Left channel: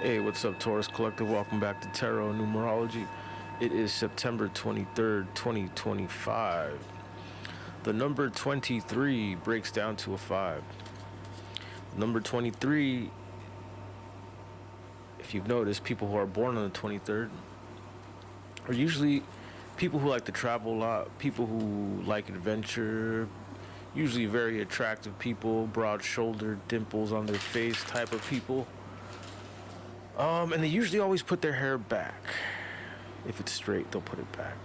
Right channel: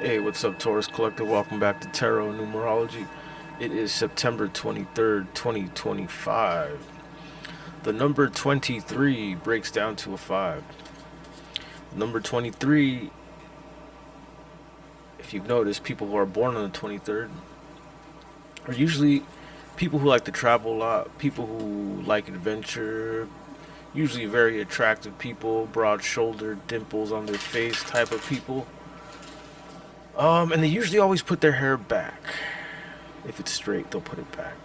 Hey, what's up, Taurus Collective? Welcome back to Tarot Numerology. It is September 23rd, 2025. The number 23 breaks down to a 5. Number 23, if you've noticed, people who are born on the 23rd are usually people who like to travel a lot, people who like adventure, usually very attractive people, broad shouldered, dimples on their face type of people. And they usually always put their hair back. If it's straight, they'll put it back.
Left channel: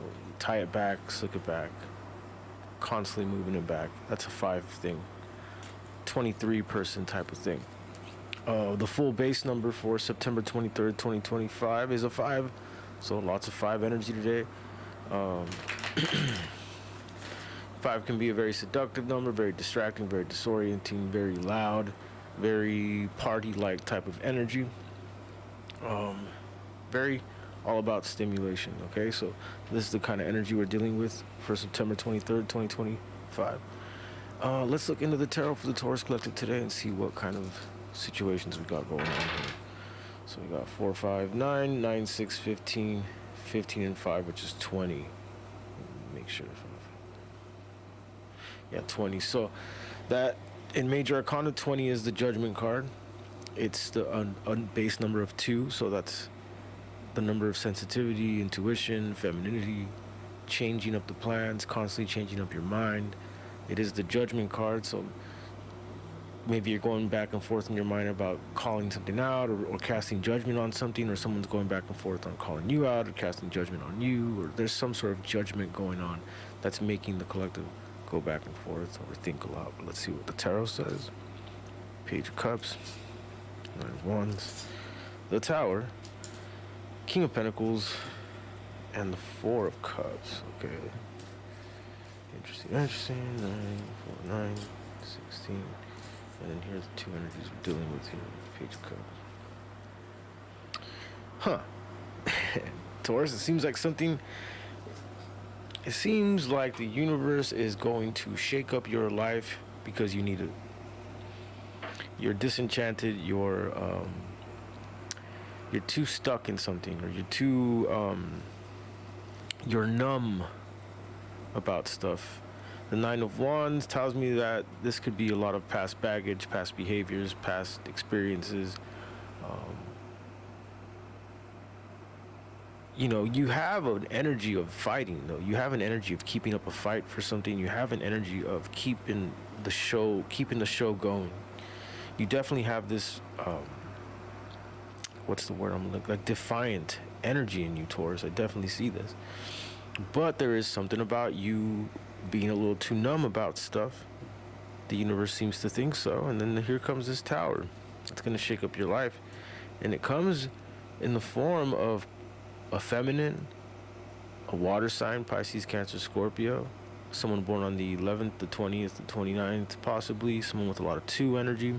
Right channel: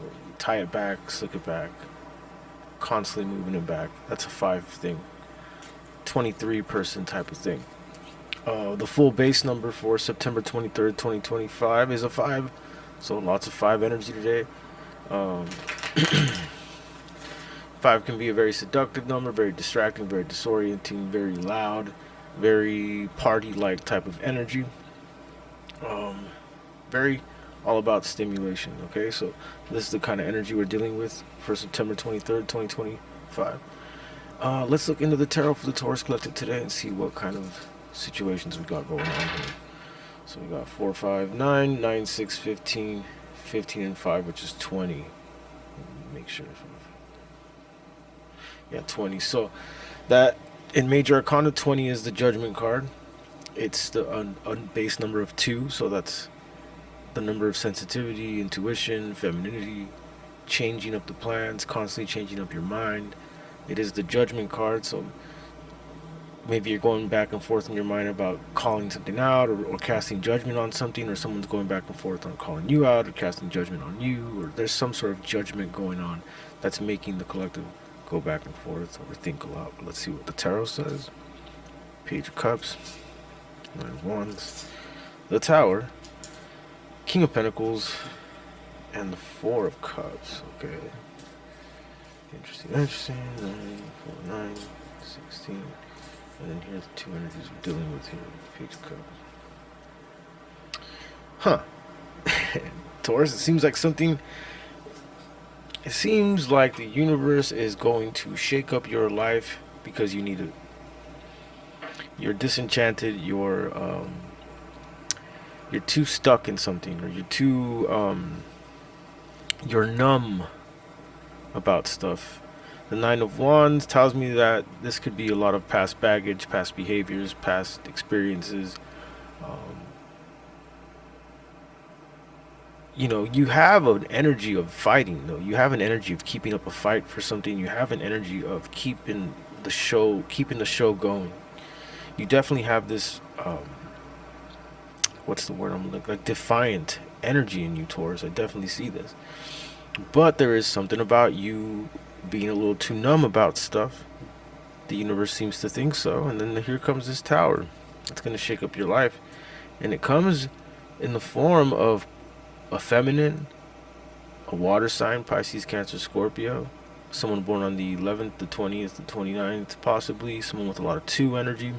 They'll tie it back, slick it back, constantly moving it back. That's a 5 thing. 23 person type of thing. The full base number for September 23rd, 2025 is a 5. So lots of 5 energy today. 5 can be a very seductive number, very distracting, very disorienting, very loud, very party-like type of energy. Very all about stimulation. Okay, so this is the kind of energy we're dealing with for September 23rd, 2025. Let's look into the tarot for the Taurus Collective today and see what kind of situations we got going on here. So we got 4, 5, 9, 9, 6, 15, 15 and 5, which is 20. Make sure. Yeah, 20. So that in Major Arcana, 20 is the Judgment card. It's the base number of 2, so that's the number of sensitivity, intuition, femininity, changing up the plans, constantly changing up your mind. It is the Judgment card, so maybe you're going back and forth in your mind about calling something out or casting judgment on something, or someone's going back and forth on calling you out or casting judgment on you, or there's some sort of judgment going on that's making the collective go back and forth or think a lot. But let's see what the tarot says. Page of Cups, Nine of Wands, the Tower, King of Pentacles, and the Four of Cups. Okay. Interesting. 9, 4, 9, 16. And then here's the two energies we're dealing with here. Page of Cups. Huh. Taurus, it seems like something... It seems like the universe is going to shake up your life because you need it. You're disenchanted, you're too stuck in something, or you're numb about stuff. The Nine of Wands tells me that this could be a lot of past baggage, past behaviors, past experiences. You have an energy of fighting, though. You have an energy of keeping up a fight for something. You have an energy of keeping the show going. You definitely have this, what's the word I'm looking like defiant energy in you, Taurus. I definitely see this. But there is something about you being a little too numb about stuff. The universe seems to think so. And then here comes this Tower. It's going to shake up your life. And it comes in the form of a feminine, a water sign, Pisces, Cancer, Scorpio. Someone born on the 11th, the 20th, the 29th, possibly. Someone with a lot of 2 energy.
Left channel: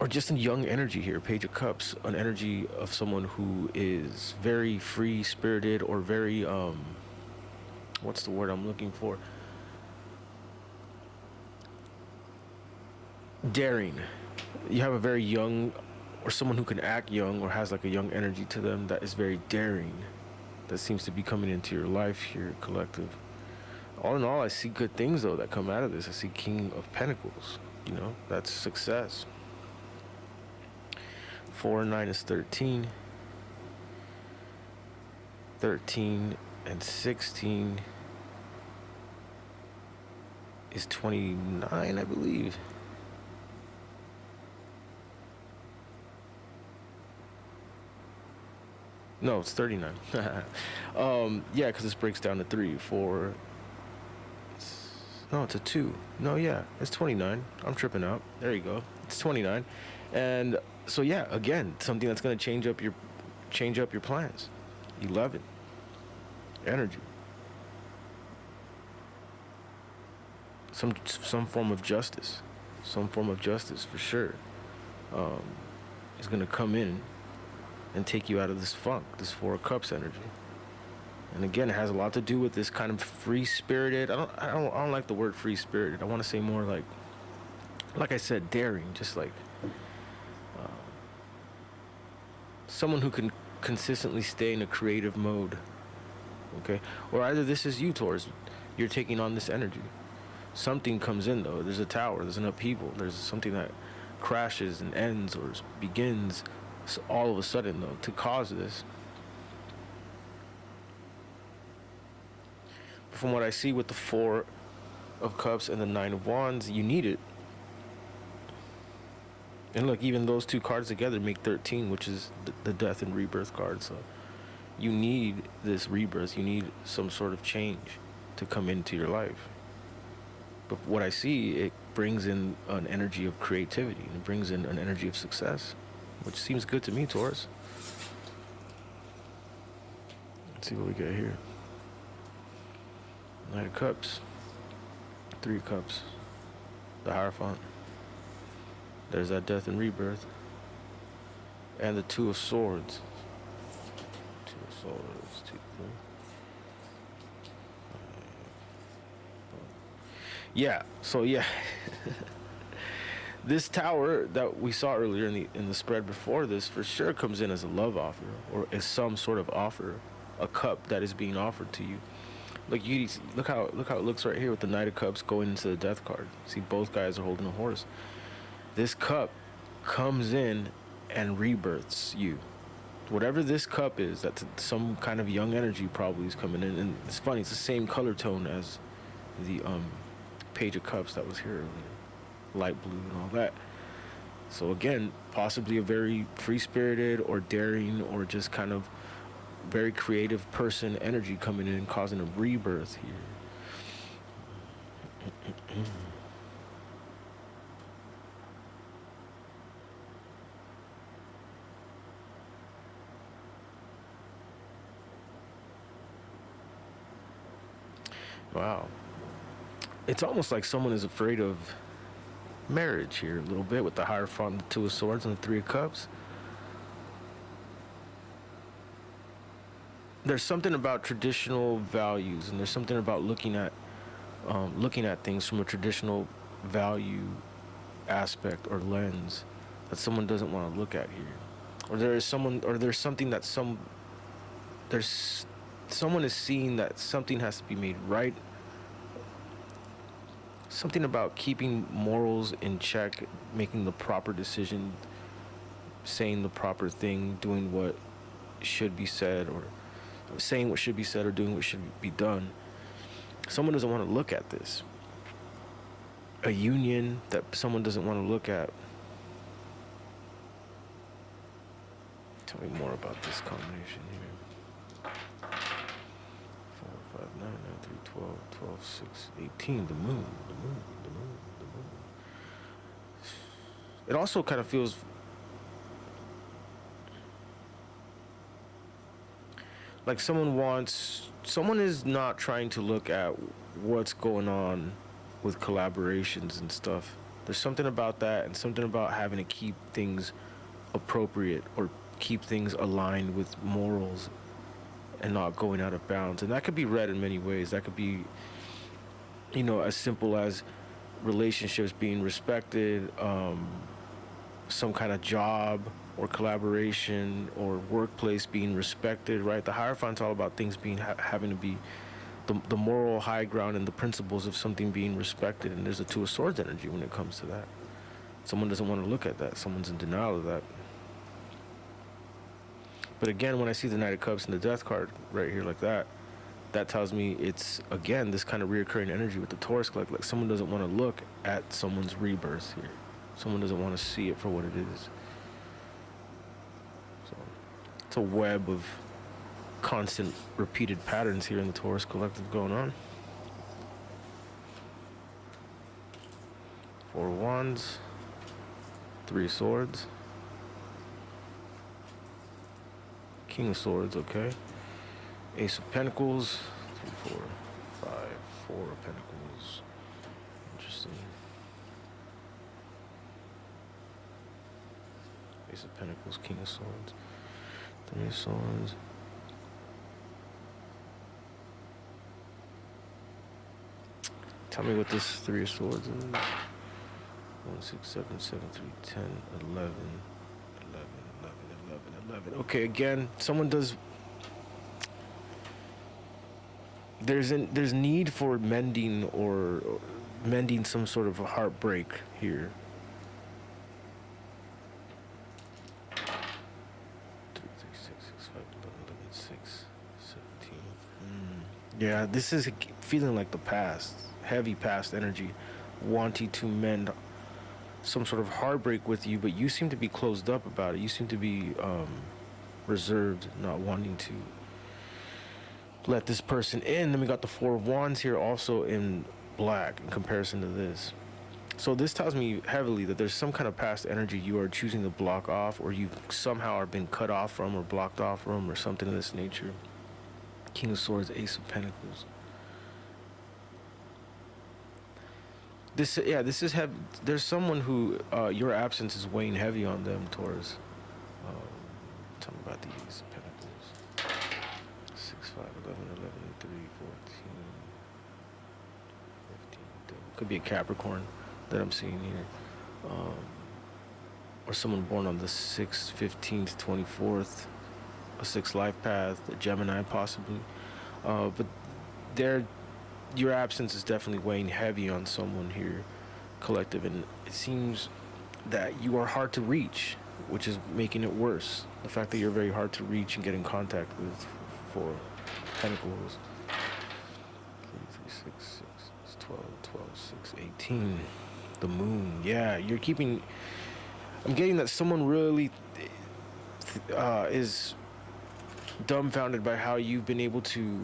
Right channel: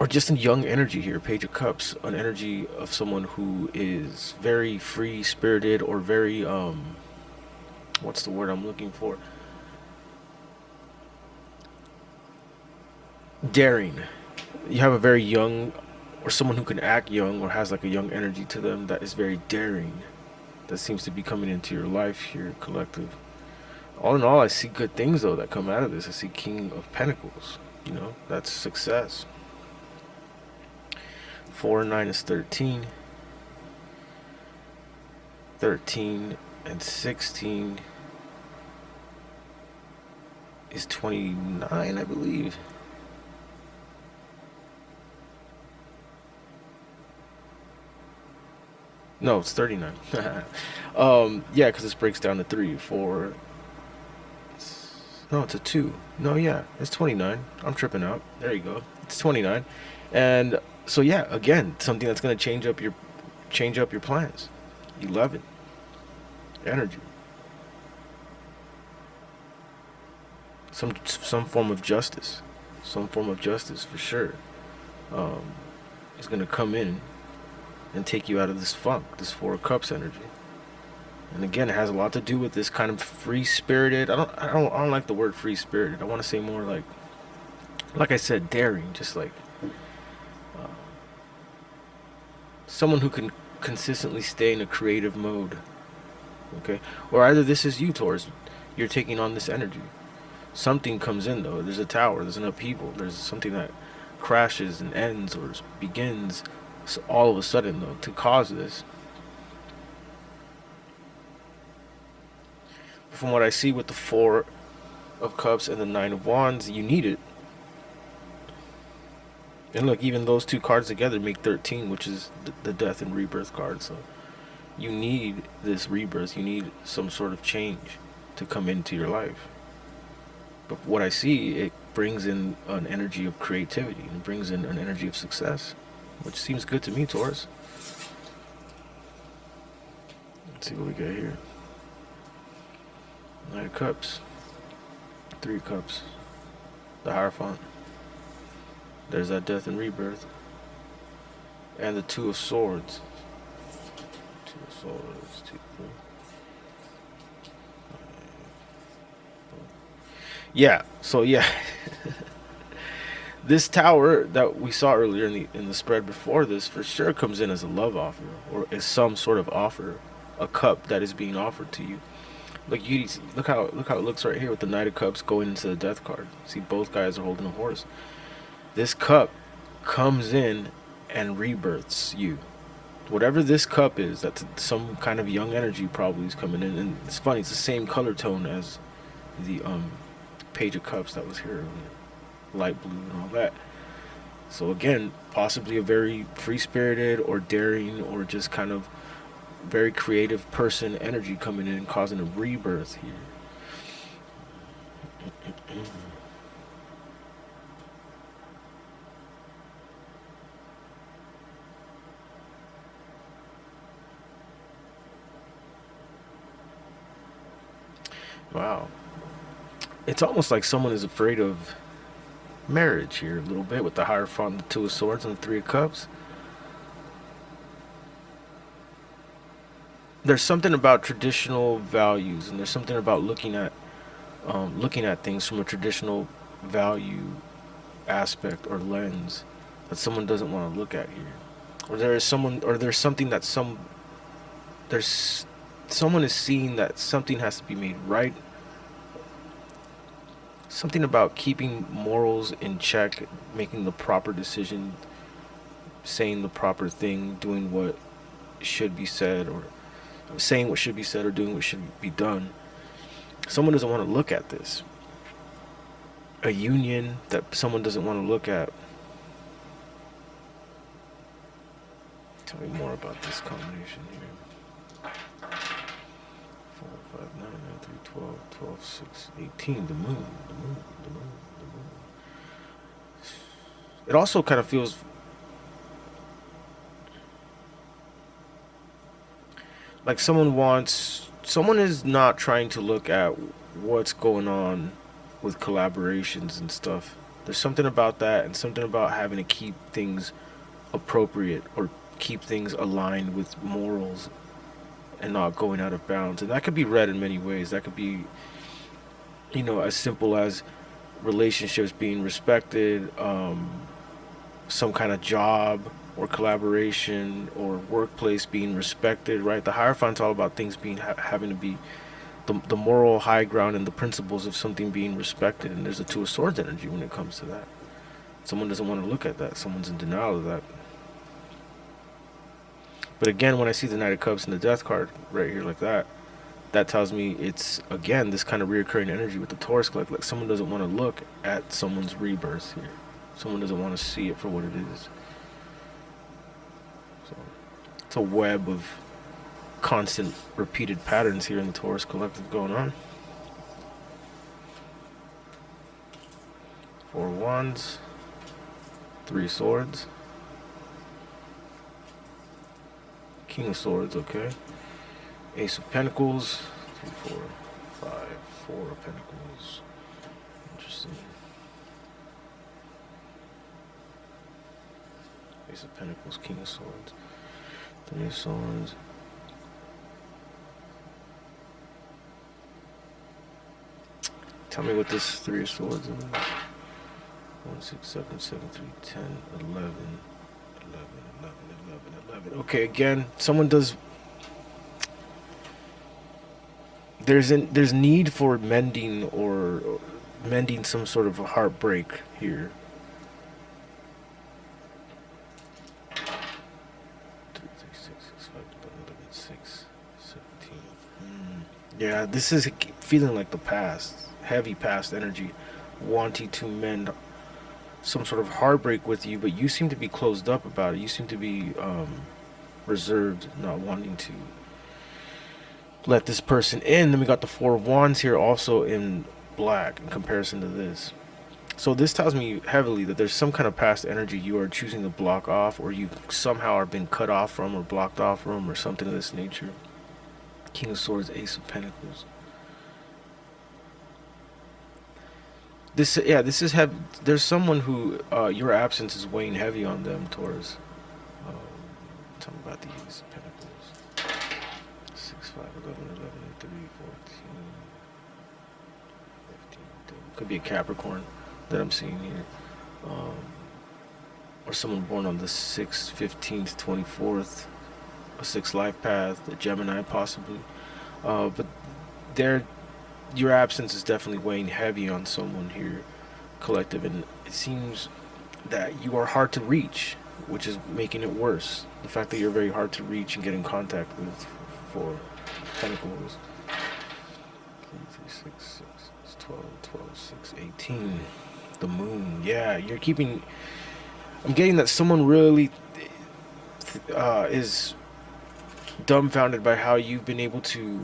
Or just a young energy here, Page of Cups, an energy of someone who is very free-spirited or very, what's the word I'm looking for? Daring. You have a very young, or someone who can act young or has like a young energy to them that is very daring. That seems to be coming into your life here, collective. All in all, I see good things, though, that come out of this. I see King of Pentacles. That's success. 4 and 9 is 13. 13 and 16 is 29, I believe. No, it's 39. Yeah, because this breaks down to 3, 4. No, it's a 2. No, yeah, it's 29. I'm tripping out. There you go. It's 29. And so yeah, again, something that's going to change up your plans. 11. Energy. Some form of justice. Some form of justice for sure. Is going to come in and take you out of this funk, this 4 of Cups energy. And again, it has a lot to do with this kind of free-spirited. I don't like the word free-spirited. I want to say more like like I said, daring, just like someone who can consistently stay in a creative mode. Okay, or either this is you, Taurus. You're taking on this energy. Something comes in though. There's a tower. There's an upheaval. There's something that crashes and ends or begins all of a sudden though to cause this. From what I see with the Four of Cups and the Nine of Wands, you need it. And look, even those two cards together make 13, which is the death and rebirth card. So you need this rebirth. You need some sort of change to come into your life. But what I see, it brings in an energy of creativity. And it brings in an energy of success, which seems good to me, Taurus. Let's see what we got here. Knight of Cups. Three of Cups. The Hierophant. There's that death and rebirth. And the Two of Swords. Two of Swords. Two, three. Yeah, so yeah. This tower that we saw earlier in the spread before this for sure comes in as a love offer or as some sort of offer, a cup that is being offered to you. Look, look how it looks right here with the Knight of Cups going into the Death card. See, both guys are holding a horse. This cup comes in and rebirths you. Whatever this cup is, that's some kind of young energy probably is coming in. And it's funny, it's the same color tone as the Page of Cups that was here earlier. Light blue and all that. So again, possibly a very free-spirited or daring or just kind of very creative person energy coming in, causing a rebirth here. Wow. It's almost like someone is afraid of marriage here a little bit with the Hierophant, the Two of Swords, and the Three of Cups. There's something about traditional values, and there's something about looking at things from a traditional value aspect or lens that someone doesn't want to look at here, or there's something that someone is seeing that something has to be made right. Something about keeping morals in check, making the proper decision, saying the proper thing, doing what should be said, or saying what should be said, or doing what should be done. Someone doesn't want to look at this. A union that someone doesn't want to look at. Tell me more about this combination here. 4, 5, 9, 9, 3, 12, 12, 6, 18. The moon. It also kind of feels like someone is not trying to look at what's going on with collaborations and stuff. There's something about that, and something about having to keep things appropriate or keep things aligned with morals and not going out of bounds. And that could be read in many ways. That could be, as simple as relationships being respected, some kind of job or collaboration or workplace being respected, right? The Hierophant's all about things being having to be the moral high ground and the principles of something being respected. And there's a Two of Swords energy when it comes to that. Someone doesn't want to look at that. Someone's in denial of that. But again, when I see the Knight of Cups and the Death card right here like that, that tells me it's, again, this kind of reoccurring energy with the Taurus collect. Like someone doesn't want to look at someone's rebirth here. Someone doesn't want to see it for what it is. So it's a web of constant repeated patterns here in the Taurus collective going on. Four of Wands, Three of Swords, King of Swords, okay. Ace of Pentacles, 3, 4, 5, 4 of Pentacles. Interesting. Ace of Pentacles, King of Swords, Three of Swords. Tell me what this Three of Swords is. 1, 6, 7, 7, 3, 10, 11, 11, 11, 11, 11. Okay, again, someone does. There's need for mending or mending some sort of a heartbreak here. 3, 3, 6, 6, 5, 11, 11, 6, 17. Yeah, this is feeling like the past, heavy past energy, wanting to mend some sort of heartbreak with you, but you seem to be closed up about it. You seem to be reserved, not wanting to let this person in. Then we got the Four of Wands here also in black in comparison to this. So this tells me heavily that there's some kind of past energy you are choosing to block off, or you somehow are being cut off from or blocked off from, or something of this nature. King of Swords, Ace of Pentacles. This is heavy. There's someone who your absence is weighing heavy on them, Taurus. Tell me about these Pentacles. 6, 5, 11, 11, 3, 14, 15. Could be a Capricorn that I'm seeing here. Or someone born on the 6th, 15th, 24th. A 6 life path, a Gemini possibly. But your absence is definitely weighing heavy on someone here, collective, and it seems that you are hard to reach, which is making it worse. The fact that you're very hard to reach and get in contact with for Pentacles. 3, 3, 6, 6, 12, 12, 6, 18. The moon. Yeah, you're keeping. I'm getting that someone really is dumbfounded by how you've been able to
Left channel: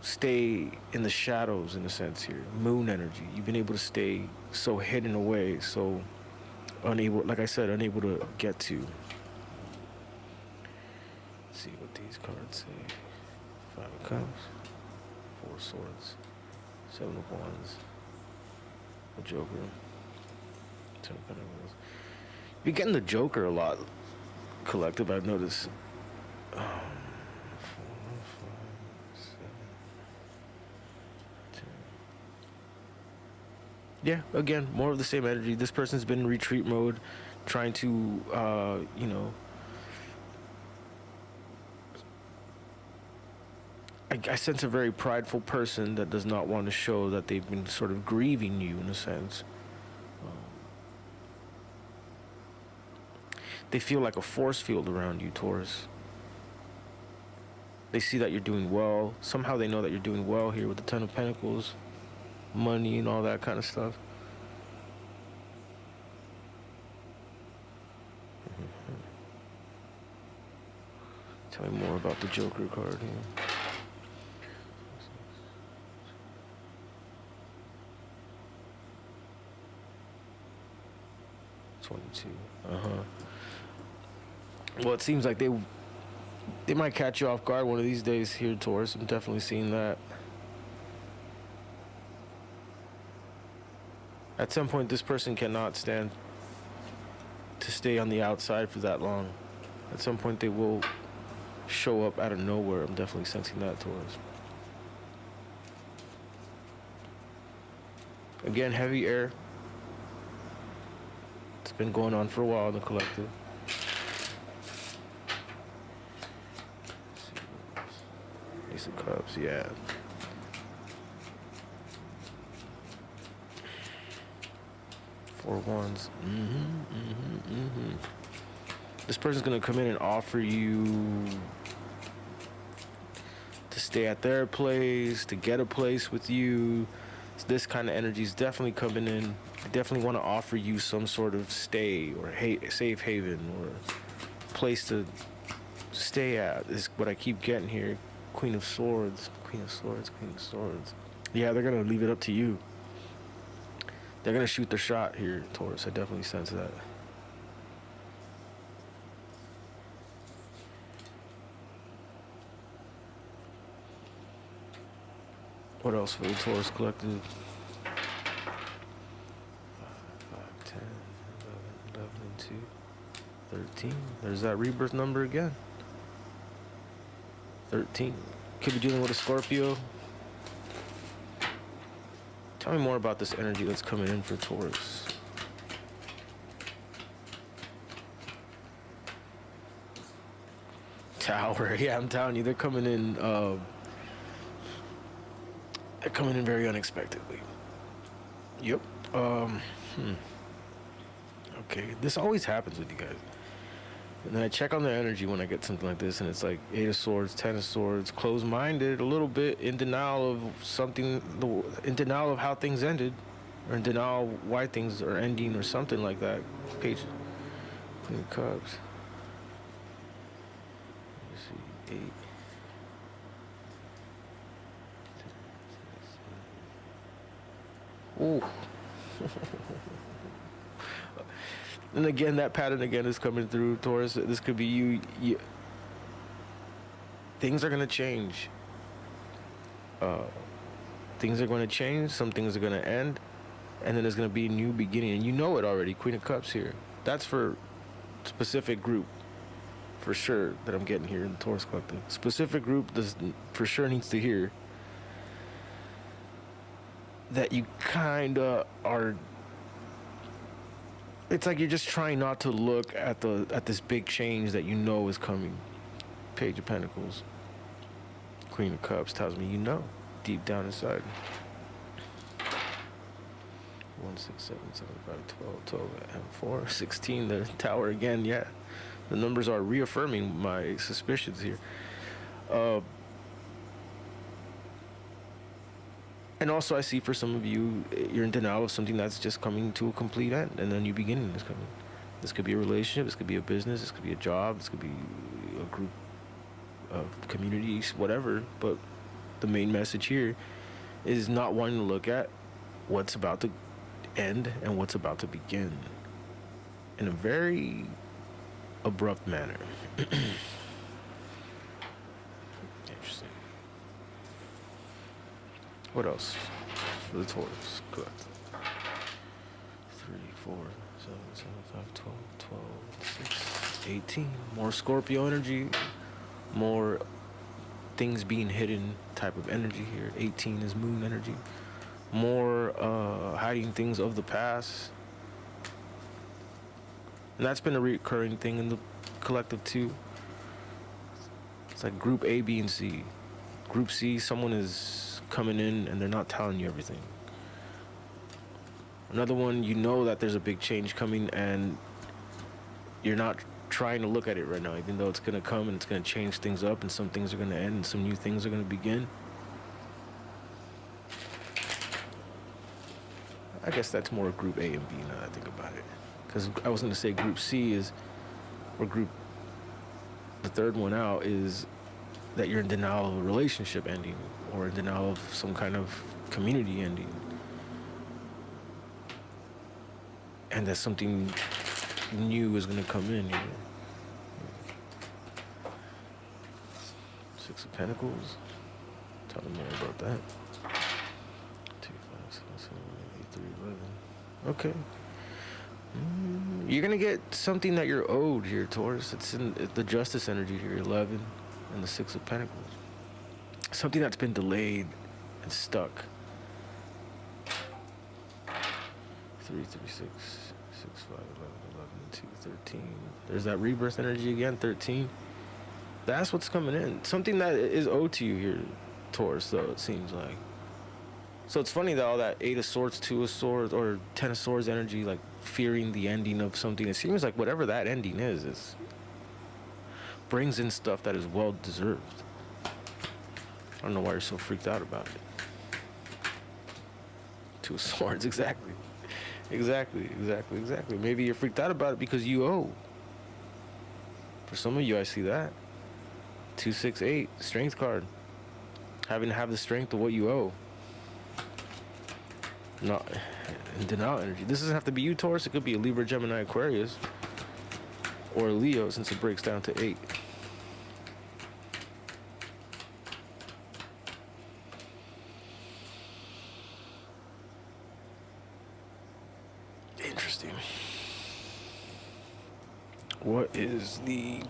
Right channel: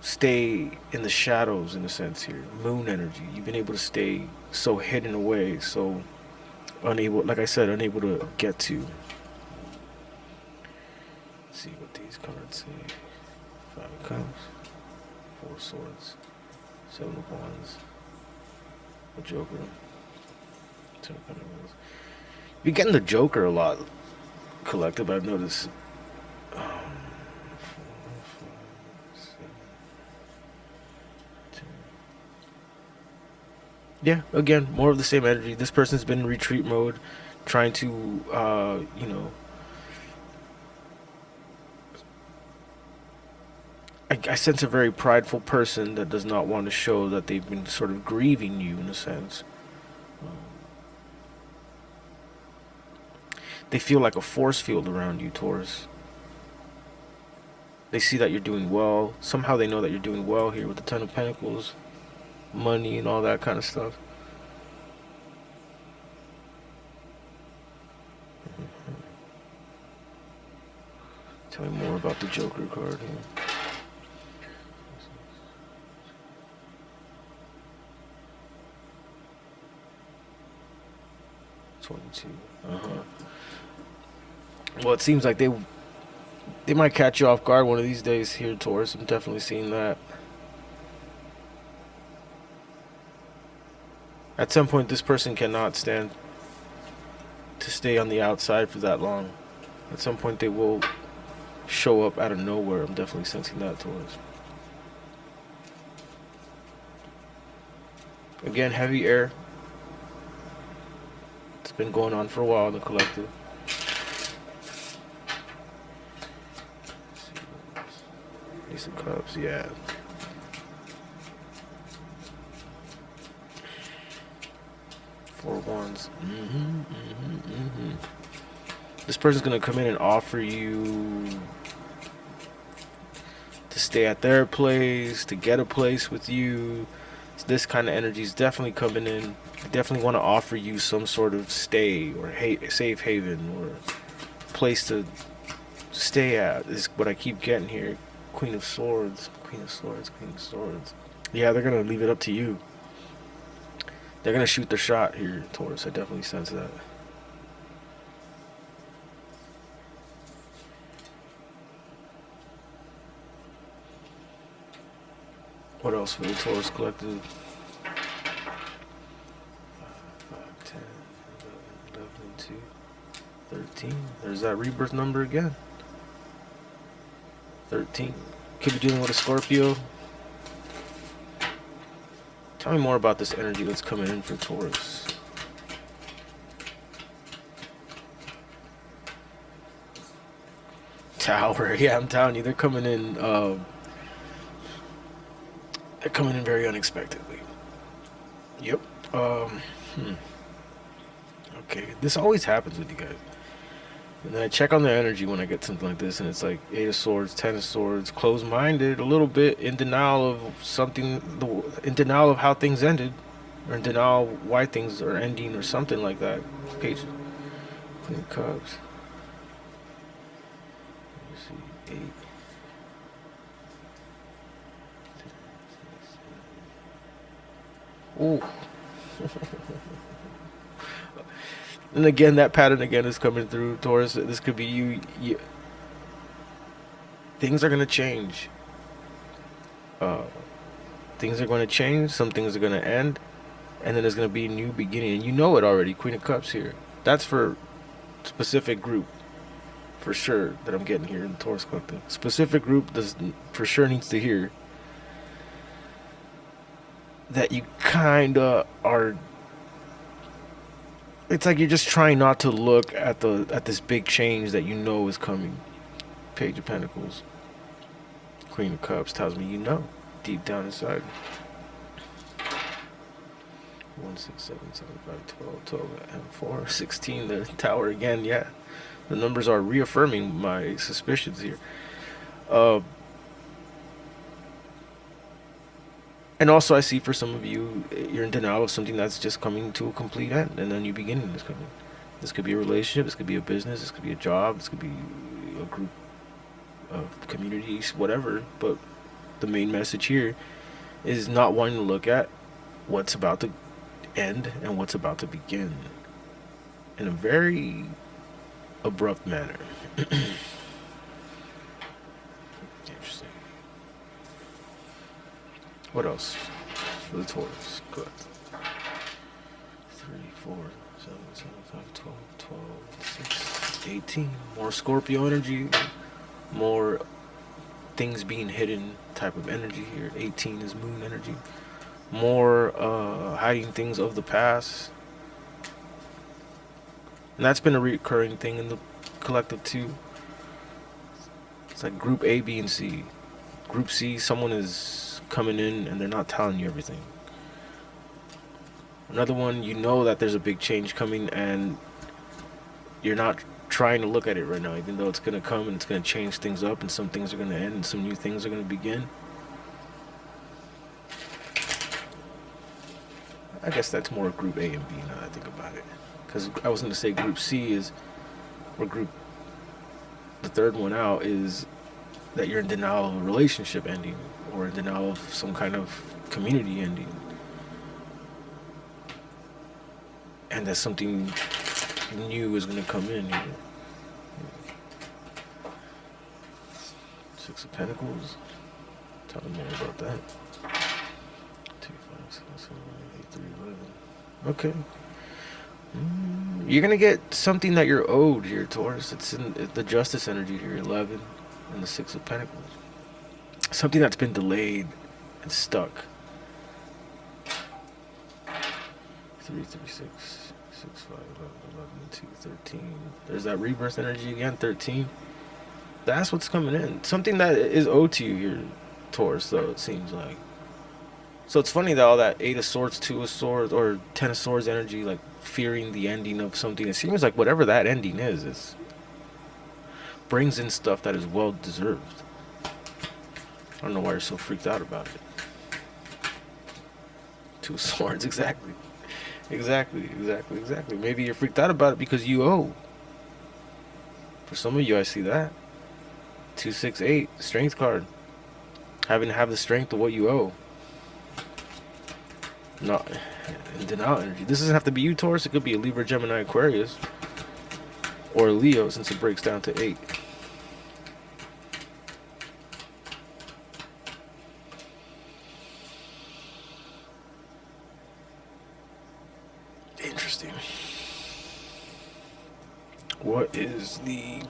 stay in the shadows, in a sense here. Moon energy. You've been able to stay so hidden away, so unable, like I said, unable to get to. Let's see what these cards say. 5 of Cups, 4 of Swords, 7 of Wands, the Joker, 10 of Pentacles. You're getting the Joker a lot, collective, I've noticed. 4, 5, 7, 10. Yeah, again, more of the same energy. This person's been in retreat mode, trying to, I sense a very prideful person that does not want to show that they've been sort of grieving you, in a sense. They feel like a force field around you, Taurus. They see that you're doing well. Somehow they know that you're doing well here with the 10 of Pentacles, money and all that kind of stuff. Tell me more about the Joker card here. 22. Well, it seems like they might catch you off guard one of these days here, Taurus. I'm definitely seeing that. At some point, this person cannot stand to stay on the outside for that long. At some point, they will show up out of nowhere. I'm definitely sensing that, Taurus. Again, heavy air. It's been going on for a while in the collective. Ace of Cups, yeah. Four of Wands. This person's gonna come in and offer you to stay at their place, to get a place with you. This kind of energy is definitely coming in. They definitely want to offer you some sort of stay or safe haven or place to stay at. Is what I keep getting here. Queen of Swords, Queen of Swords, Queen of Swords. Yeah, they're gonna leave it up to you. They're gonna shoot their shot here, Taurus. I definitely sense that. What else for the Taurus collective? 5, 10, 11, 2, 13. There's that rebirth number again. 13. Could be dealing with a Scorpio. Tell me more about this energy that's coming in for Taurus. Tower, yeah, I'm telling you, they're coming in. They're coming in very unexpectedly. Yep. Okay, this always happens with you guys. And then I check on the energy when I get something like this, and it's like Eight of Swords, Ten of Swords, closed-minded, a little bit in denial of something, in denial of how things ended, or in denial of why things are ending, or something like that. Page, Queen of Cups. Let's see, 8. Ooh. And again, that pattern again is coming through, Taurus. This could be you. Things are going to change. Things are going to change. Some things are going to end. And then there's going to be a new beginning. And you know it already. Queen of Cups here. That's for specific group. For sure. That I'm getting here in the Taurus Collective. Specific group does for sure needs to hear that you kind of are. It's like you're just trying not to look at this big change that you know is coming. Page of Pentacles. Queen of Cups tells me you know, deep down inside. 1, 6, 7, 7, 5, 12, 12, and 4, 16. The Tower again, yeah. The numbers are reaffirming my suspicions here. And also I see for some of you, you're in denial of something that's just coming to a complete end, and then new beginning is coming. This could be a relationship, this could be a business, this could be a job, this could be a group of communities, whatever. But the main message here is not wanting to look at what's about to end and what's about to begin in a very abrupt manner. Interesting. What else for the Taurus? Good. 3, 4, 7, 7, 5, 12, 12, 6, 18. More Scorpio energy. More things being hidden type of energy here. 18 is moon energy. More hiding things of the past. And that's been a recurring thing in the collective too. It's like group A, B, and C. Group C, someone is coming in and they're not telling you everything. Another one, you know that there's a big change coming and you're not trying to look at it right now, even though it's going to come and it's going to change things up, and some things are going to end and some new things are going to begin. I guess that's more group A and B now that I think about it. Because I was going to say group C is, or group, the third one out is that you're in denial of a relationship ending, or in denial of some kind of community ending. And that something new is going to come in here. 6 of Pentacles. Tell me more about that. 2, 5, 6, 7, 8, 3, 11. Okay. You're going to get something that you're owed here, Taurus. It's in the Justice energy here, 11, and the 6 of Pentacles. Something that's been delayed and stuck. 3, 3, 6, 6, 5, 11, 11, 2, 13. There's that rebirth energy again, 13. That's what's coming in. Something that is owed to you here, Taurus, though, it seems like. So it's funny that all that 8 of Swords, 2 of Swords, or 10 of Swords energy, like fearing the ending of something. It seems like whatever that ending is brings in stuff that is well deserved. I don't know why you're so freaked out about it. 2 of Swords, exactly. Exactly. Maybe you're freaked out about it because you owe. For some of you, I see that. 2, 6, 8, strength card. Having to have the strength of what you owe. Not in denial energy. This doesn't have to be you, Taurus. It could be a Libra, Gemini, Aquarius. Or a Leo, since it breaks down to 8. Interesting. What is the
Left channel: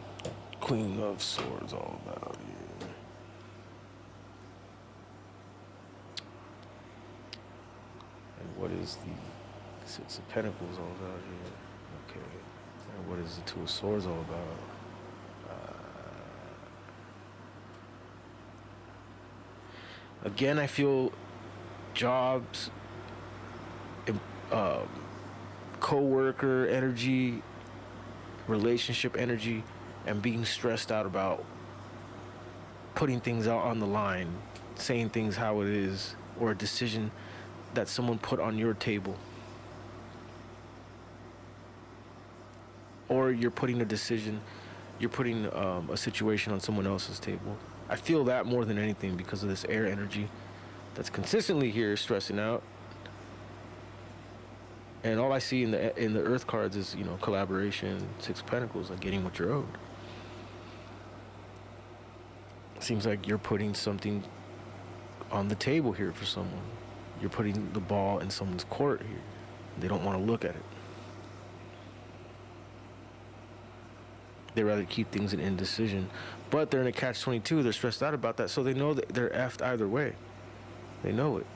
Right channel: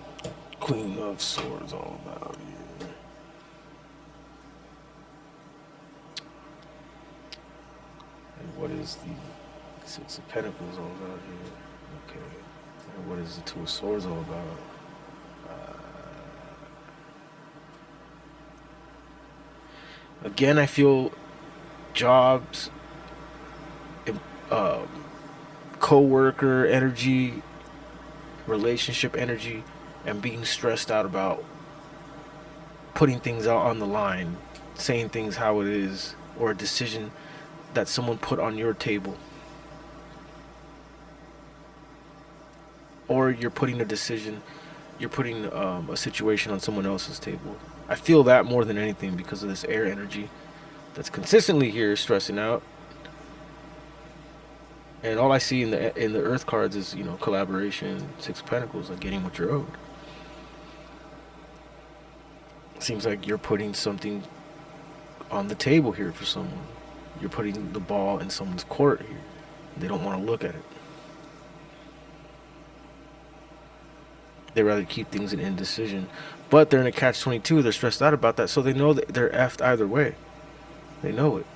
Queen of Swords all about here? is the Six of Pentacles all about here? Okay. And what is the Two of Swords all about? Again, I feel jobs, um, co-worker energy, relationship energy, and being stressed out about putting things out on the line, saying things how it is, or a decision that someone put on your table. Or you're putting a decision, you're putting a situation on someone else's table. I feel that more than anything because of this air energy that's consistently here stressing out. And all I see in the Earth cards is, you know, collaboration, Six of Pentacles, like getting what you're owed. Seems like you're putting something on the table here for someone. You're putting the ball in someone's court here. They don't want to look at it. They rather keep things in indecision. But they're in a catch-22. They're stressed out about that, so they know that they're effed either way. They know it.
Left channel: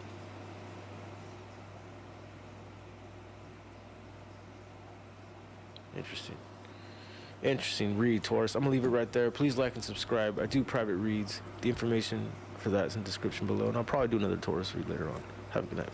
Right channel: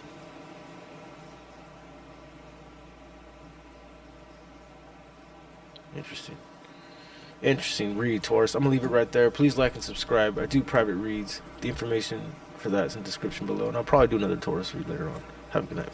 Interesting read, Taurus. I'm going to leave it right there. Please like and subscribe. I do private reads. The information for that is in the description below. And I'll probably do another Taurus read later on. Have a good night.